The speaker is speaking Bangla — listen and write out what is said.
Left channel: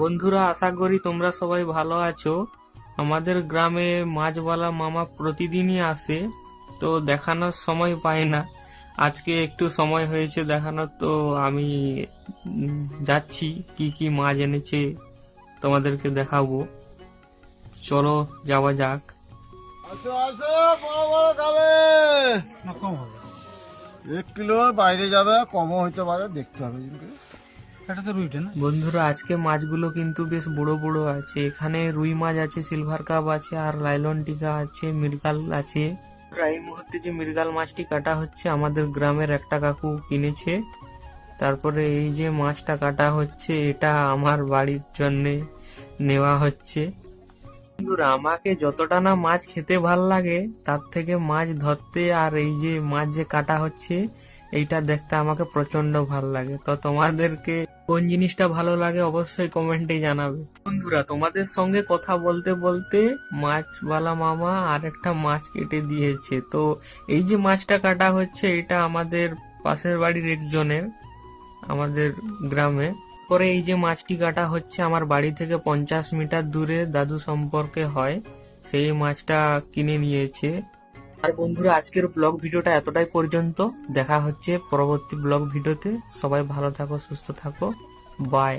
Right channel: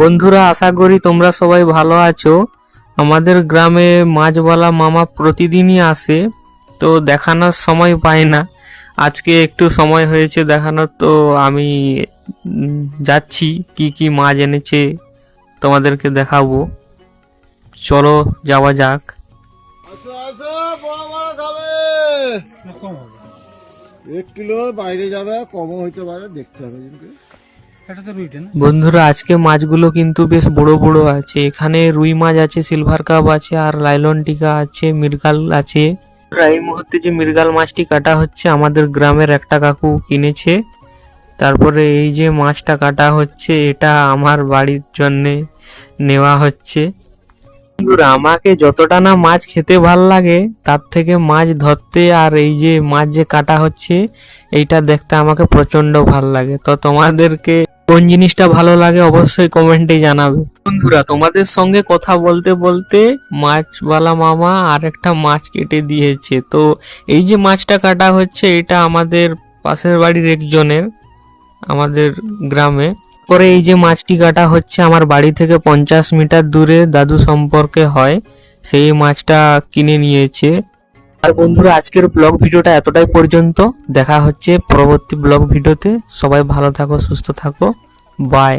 বন্ধুরা, আশা করি তোমরা সবাই ভালো আছো। আমাদের গ্রামে মাছওয়ালা মামা প্রতিদিনই আসে, তো দেখানোর সময় পায় না। আজকে একটু সময় হয়েছে দেখানোর, তো আমি যাচ্ছি, কি কি মাছ এনেছে তোমাদেরকে দেখাবো। চলো, যাওয়া যাক। বড় বড় এক কিলোর বাইরে যাবে কমও হইতে পারে দেখতে হবে বন্ধুরা আজকে মাছগুলো কিন্তু বেশ বড় বড় আছে। এখানে রুই মাছ আছে সিলভার কাপ আছে আর লাইলন টিকা আছে মির্গাল আছে। এই মুহূর্তে যে মির্গাল মাছটি কাটা হচ্ছে আমাদের গ্রামের একটা কাকু কিনেছে। তারপরে এই যে মাছটা কাটা হচ্ছে এটা আমার বাড়ির জন্যে নেওয়া হচ্ছে। বন্ধুরা, আমাকে যতটা না মাছ খেতে ভালো লাগে, তার থেকে মাছ ধরতে আর এই যে মাছ যে কাটা হচ্ছে, এইটা দেখতে আমাকে প্রচণ্ড ভালো লাগে। তো তোমাদেরকে কোন জিনিসটা ভালো লাগে অবশ্যই কমেন্টে জানাবে। বন্ধুরা, তোমাদের সঙ্গে কথা বলতে বলতে মাছওয়ালা মামা আর একটা মাছ কেটে দিয়েছে। তো এই যে মাছটা কাটা হচ্ছে, এটা আমাদের পাশের বাড়ির একজনের, আমাদের গ্রামে। পরে এই যে মাছটি কাটা হচ্ছে আমার বাড়ি থেকে পঞ্চাশ মিটার দূরে দাদু সম্পর্কে হয়, সেই মাছটা কিনে নিয়েছে। আর বন্ধুরা, আজকের ব্লগ ভিডিওটা এতটাই পর্যন্ত। দেখা হচ্ছে পরবর্তী ব্লগ ভিডিওতে। সবাই ভালো থাকো, সুস্থ থাকো। বাই